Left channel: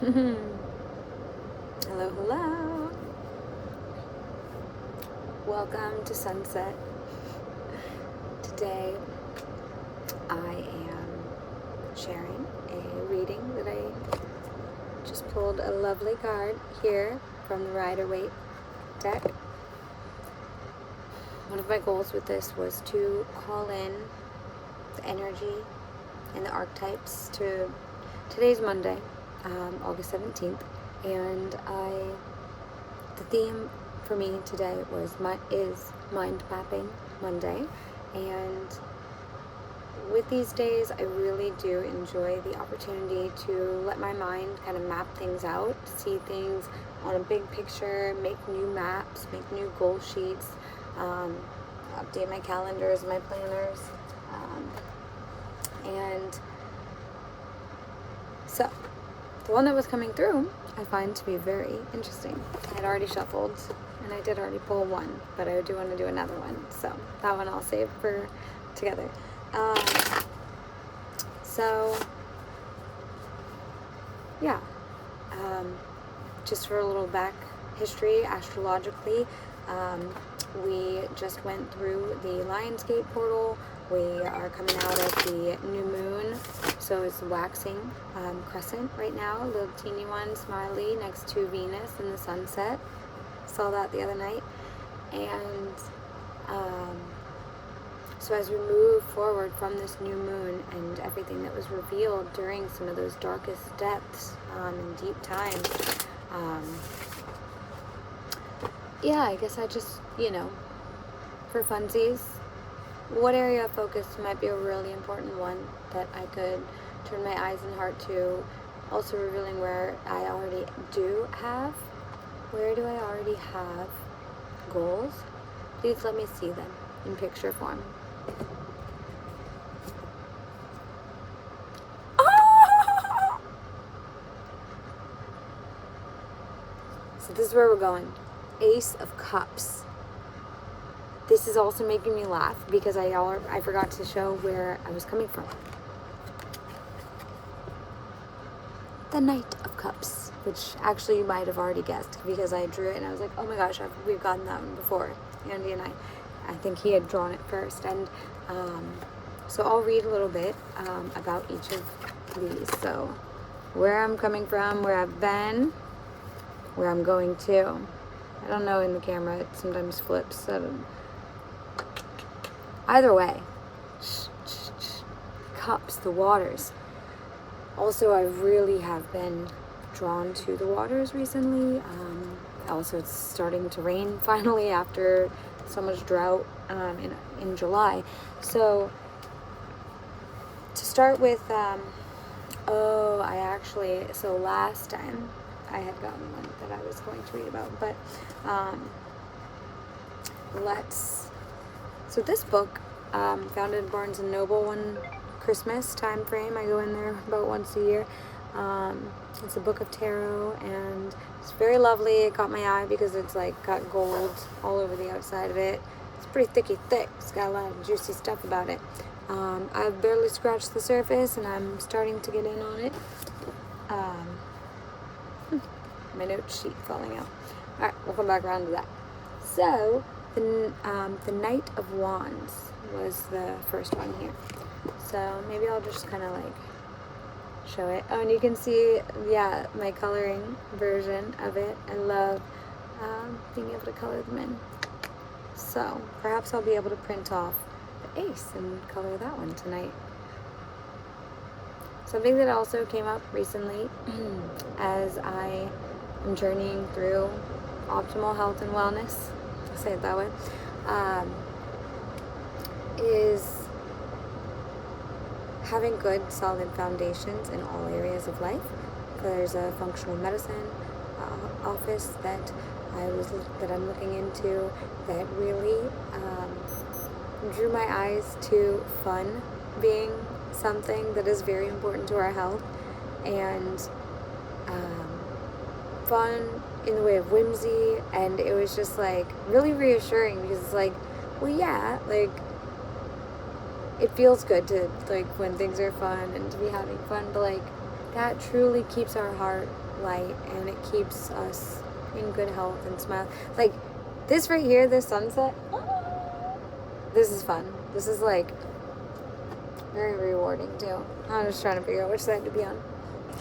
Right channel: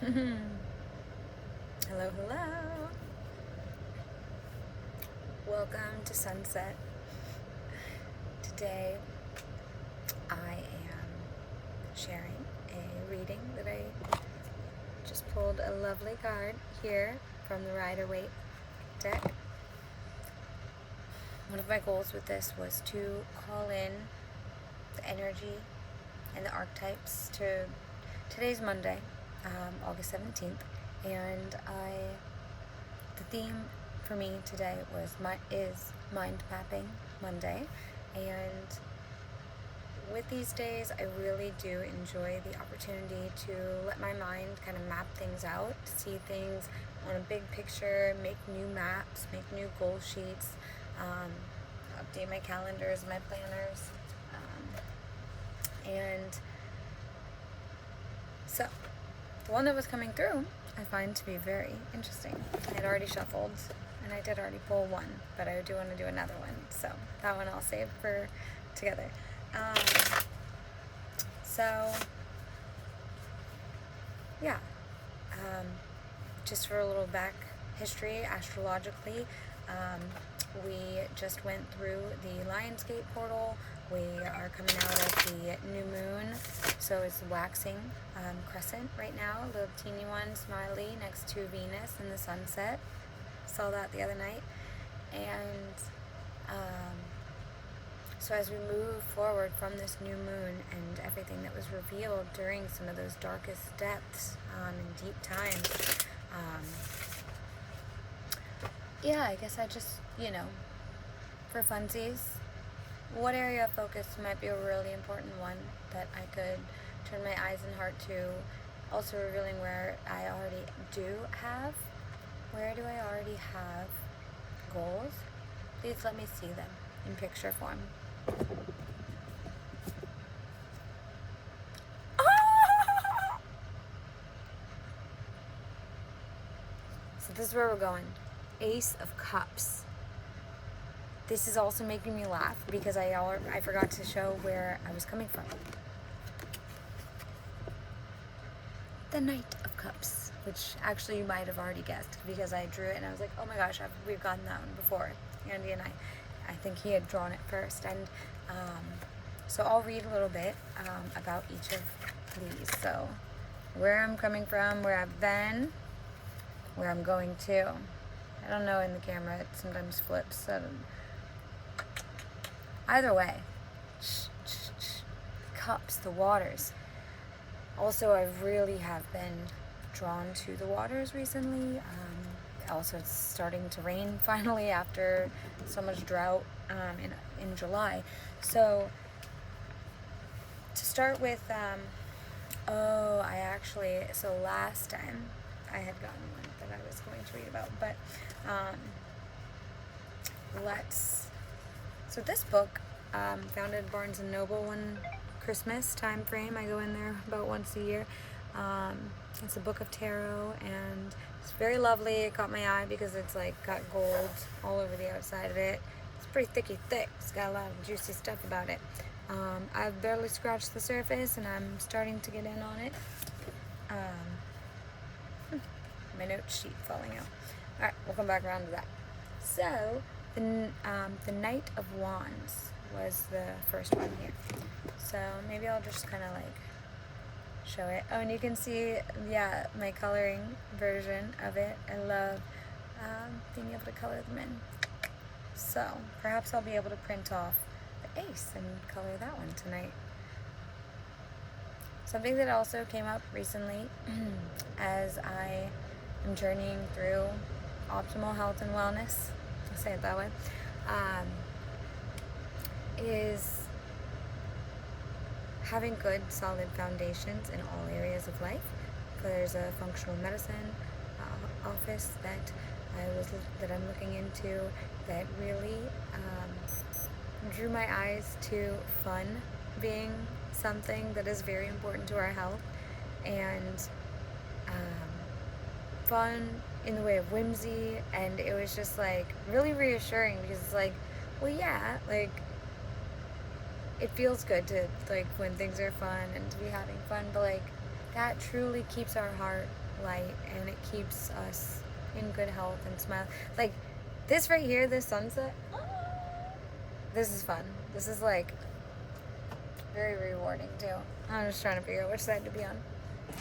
Hello, hello. Welcome to Sunset. Today I am sharing a reading that I just pulled a lovely card here from the Rider-Waite deck. One of my goals with this was to call in the energy and the archetypes to today's Monday, August 17th, and the theme for me today is Mind Mapping Monday, and with these days I really do enjoy the opportunity to let my mind kind of map things out, see things on a big picture, make new maps, make new goal sheets, update my calendars, my planners, and so the one that was coming through I find to be very interesting. I had already shuffled and I did already pull one, but I do want to do another one, so that one I'll save for together. Just for a little back history astrologically, we just went through the Lionsgate portal. We are coming out of the new moon, so it's waxing crescent right now, a little teeny one, smiley, next to Venus in the sunset. Saw that the other night. And so as we move forward from this new moon and everything that was revealed during some of those darkest depths and deep times, I guess I just, for funsies, what area of focus might be a really important one that I could turn my eyes and heart to, also revealing where do I already have goals. Please let me see them in picture form. So this is where we're going. Ace of Cups. This is also making me laugh because I forgot to show where I was coming from. The Knight of Cups, which actually you might have already guessed because I drew it and I was like, oh my gosh, we've gotten that one before. Andy and I think he had drawn it first. And so I'll read a little bit about each of these. So where I'm coming from, where I've been, where I'm going to. I don't know in the camera, it sometimes flips. So either way, cups, the waters. Also, I really have been drawn to the waters recently. Also, it's starting to rain finally after so much drought in July. So to start with, last time I had gotten one that I was going to read about, but so this book, found in Barnes & Noble one Christmas time frame. I go in there about once a year. It's a book of tarot, and it's very lovely. It caught my eye because it's like got gold all over the outside of it. It's pretty thick. It's got a lot of juicy stuff about it. I've barely scratched the surface, and I'm starting to get in on it. My note sheet falling out. All right, we'll come back around to that. So the Knight of Wands was the first one here. So maybe I'll just kind of like show it. Oh, and you can see, my coloring version of it. I love being able to color them in. So perhaps I'll be able to print off the ace and color that one tonight. Something that also came up recently as I am journeying through optimal health and wellness, I'll say it that way, is having good, solid foundations in all areas of life. There's a functional medicine office that I'm looking into that really drew my eyes to fun being something that is very important to our health, and fun in the way of whimsy. And it was just like really reassuring because it's like, it feels good to, like, when things are fun and to be having fun, but like that truly keeps our heart light, and it keeps us in good health and smile. Like this right here, this sunset, this is fun. This is like very rewarding too. I'm just trying to figure out which side to be on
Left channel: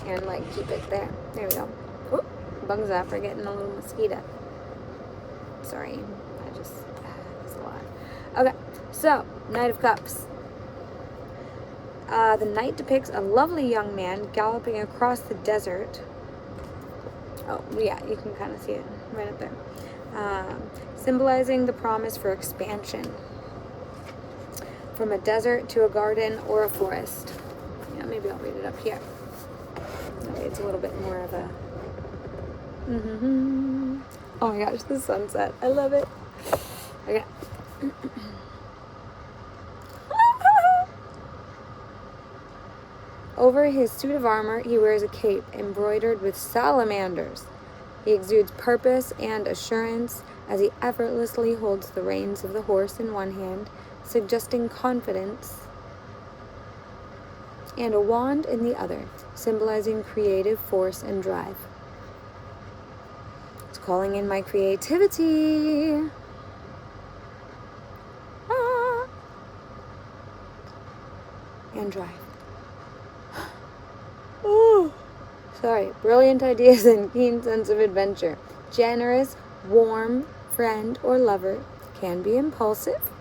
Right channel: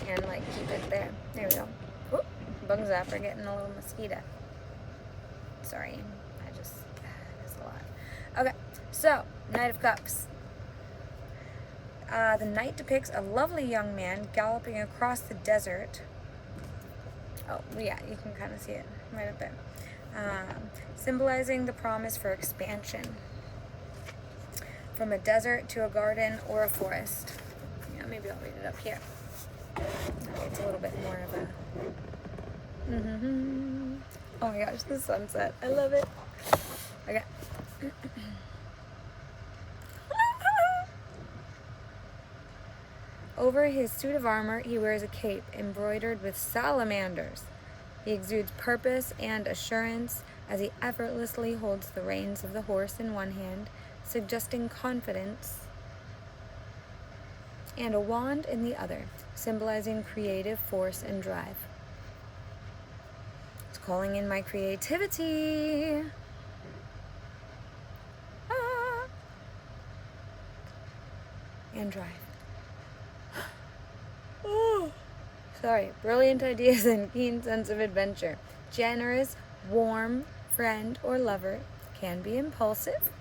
and like keep it there. There we go. Oop, bugs out for getting a little mosquito. Sorry, that's a lot. Okay, so Knight of Cups. The knight depicts a lovely young man galloping across the desert. Oh, yeah, you can kind of see it right up there. Symbolizing the promise for expansion from a desert to a garden or a forest. Yeah, maybe I'll read it up here. That way it's a little bit more of a... Oh my gosh, the sunset. I love it. Okay. Over his suit of armor, he wears a cape embroidered with salamanders. He exudes purpose and assurance as he effortlessly holds the reins of the horse in one hand, suggesting confidence, and a wand in the other, symbolizing creative force and drive. It's calling in my creativity. And drive. Oh, sorry. Brilliant ideas and keen sense of adventure. Generous, warm friend or lover, can be impulsive,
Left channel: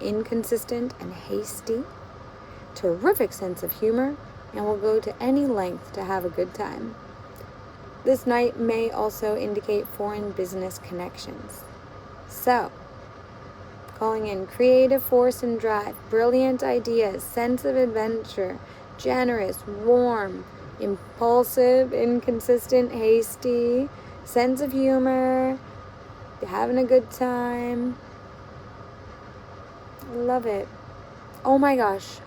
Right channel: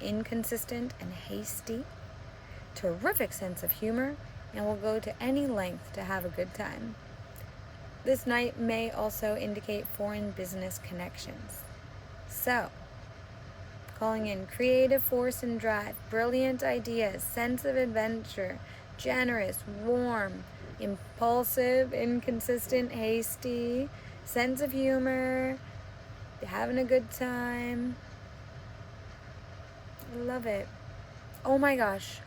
inconsistent, and hasty. Terrific sense of humor, and will go to any length to have a good time. This night may also indicate foreign business connections. So, calling in creative force and drive, brilliant ideas, sense of adventure, generous, warm, impulsive, inconsistent, hasty, sense of humor, having a good time. I love it. Oh my gosh.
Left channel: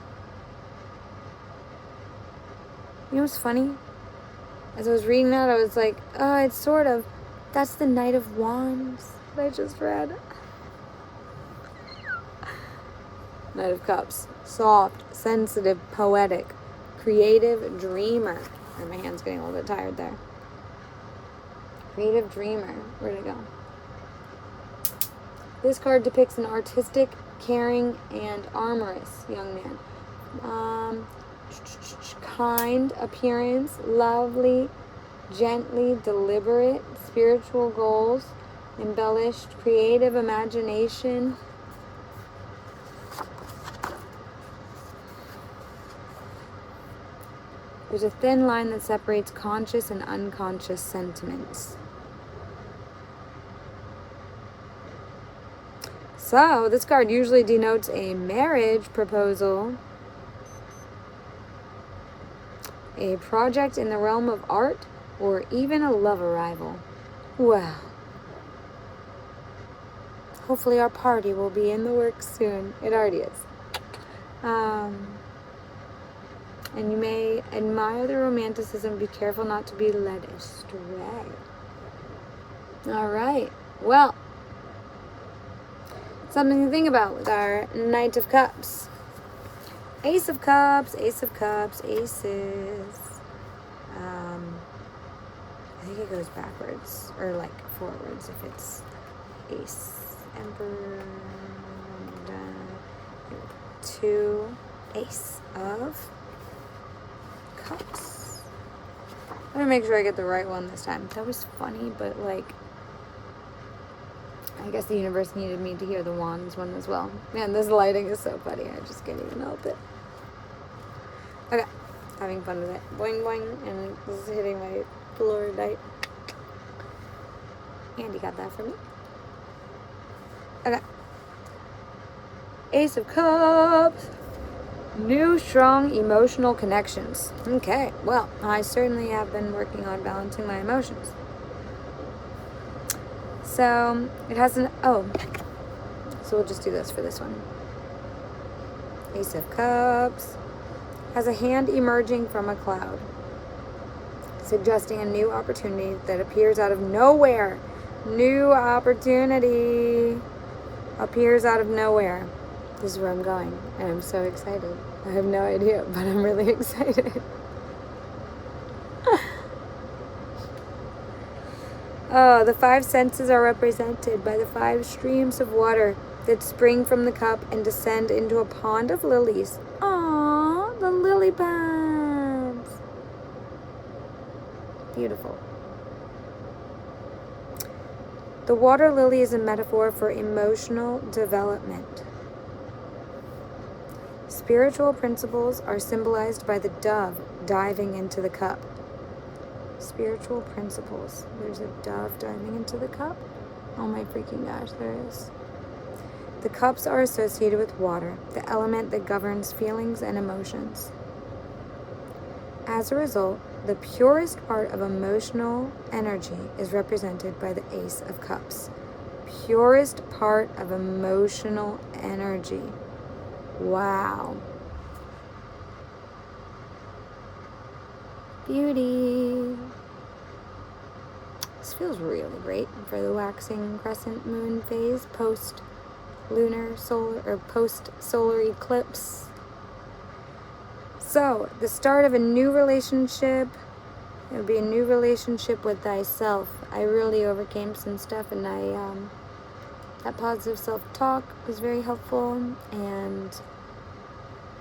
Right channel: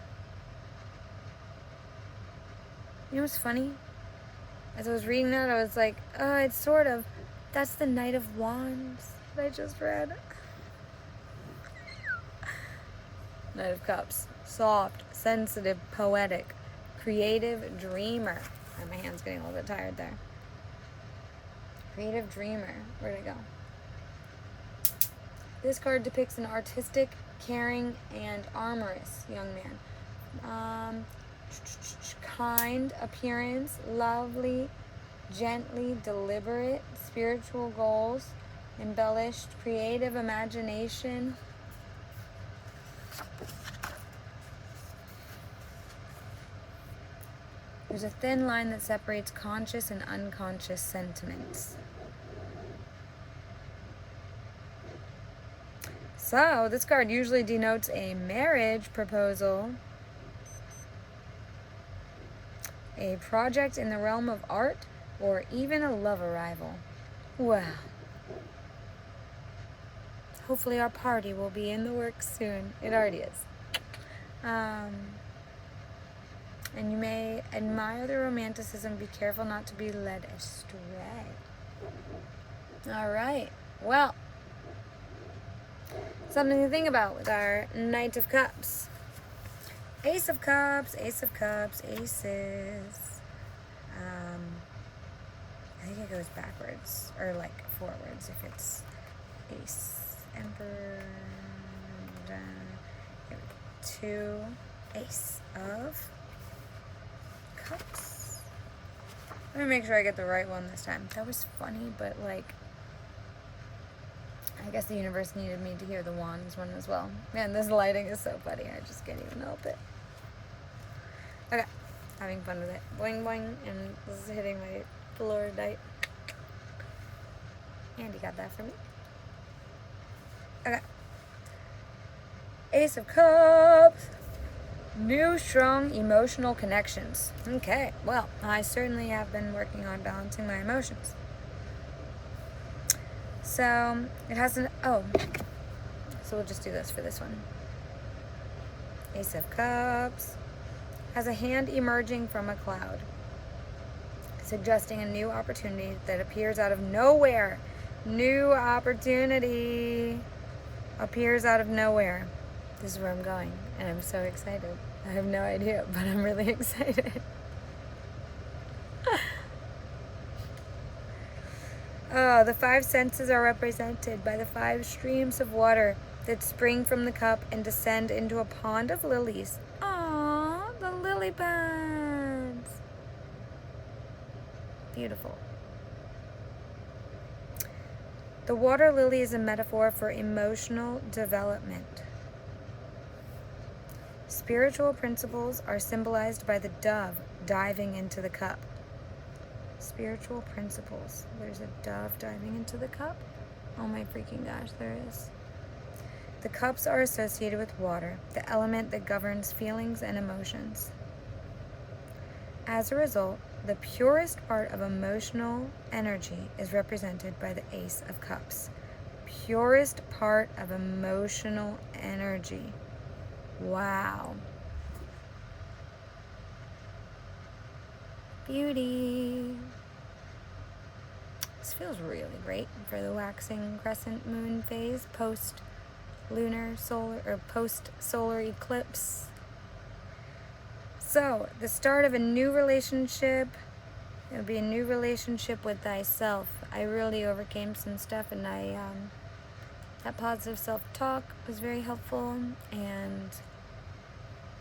You know what's funny? As I was reading that, I was like, oh, it's sort of, that's the Knight of Wands that I just read. Knight of Cups. Soft, sensitive, poetic, creative dreamer. And my hand's getting a little bit tired there. Creative dreamer. Where'd it go? This card depicts an artistic, caring, and amorous young man. Kind appearance, lovely, gently deliberate, spiritual goals, embellished, creative imagination. There's a thin line that separates conscious and unconscious sentiments. So, this card usually denotes a marriage proposal, a project in the realm of art, or even a love arrival. Well, hopefully our party will be in the works soon. It already is. And you may admire the romanticism, be careful not to be led astray. All right. Well, something to think about with our Knight of Cups. Ace of Cups, Ace of Cups, Aces. I think it goes backwards, or like forwards if it's Ace, Emperor, 2, Ace of Cups. I'm gonna make sure I get the right one this time. That was funny, but like, I guess the universe needed me to hear the Wands one as well. Man, this lighting is so funny. I just can't even help it. Okay, having fun with it. Boing boing, and this is hitting my fluorite. Andy got that for me. Okay. Ace of Cups. New strong emotional connections. Okay, well, I certainly have been working on balancing my emotions. So, it has an, so we'll just do this for this one. Ace of Cups has a hand emerging from a cloud, suggesting a new opportunity that appears out of nowhere. New opportunity appears out of nowhere. This is where I'm going, and I'm so excited. I have no idea, but I'm really excited. Oh, the five senses are represented by the five streams of water that spring from the cup and descend into a pond of lilies. Aww, the lily pads. Beautiful. The water lily is a metaphor for emotional development. Spiritual principles are symbolized by the dove diving into the cup. Spiritual principles. There's a dove diving into the cup. Oh my freaking gosh, there is. The cups are associated with water, the element that governs feelings and emotions. As a result, the purest part of emotional energy is represented by the Ace of Cups. Purest part of emotional energy. Wow. Beauty. This feels really great for the waxing crescent moon phase, post-lunar solar or post-solar eclipse. So, the start of a new relationship. It would be a new relationship with thyself. I really overcame some stuff, and that positive self-talk was very helpful. And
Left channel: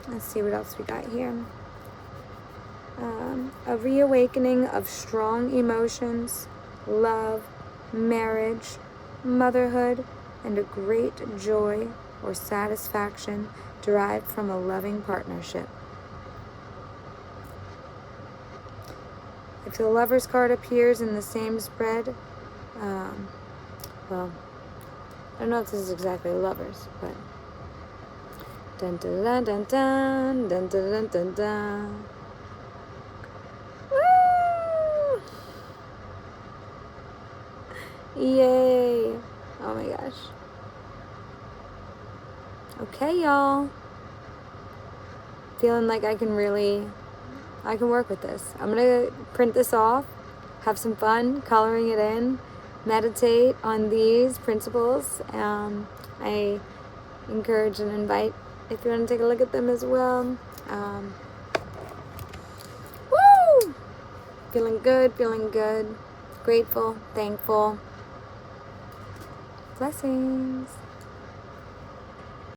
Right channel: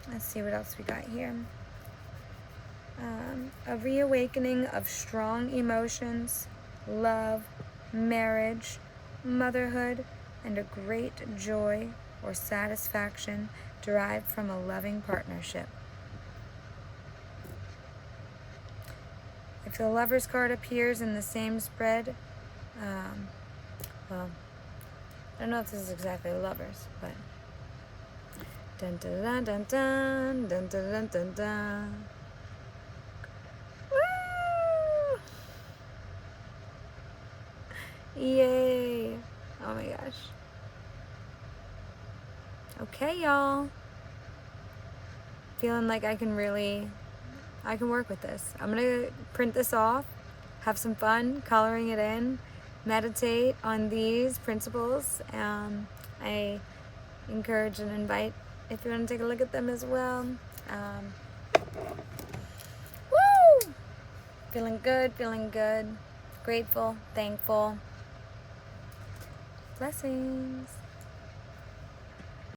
let's see what else we got here. A reawakening of strong emotions, love, marriage, motherhood, and a great joy or satisfaction derived from a loving partnership. If the Lover's card appears in the same spread, well, I don't know if this is exactly Lovers, but dun dun dun dun dun dun dun dun dun dun. Woo! Yay! Oh my gosh. Okay, y'all. Feeling like I can work with this. I'm gonna print this off, have some fun coloring it in, meditate on these principles. I encourage and invite if you want to take a look at them as well. Woo! Feeling good, grateful, thankful. Blessings.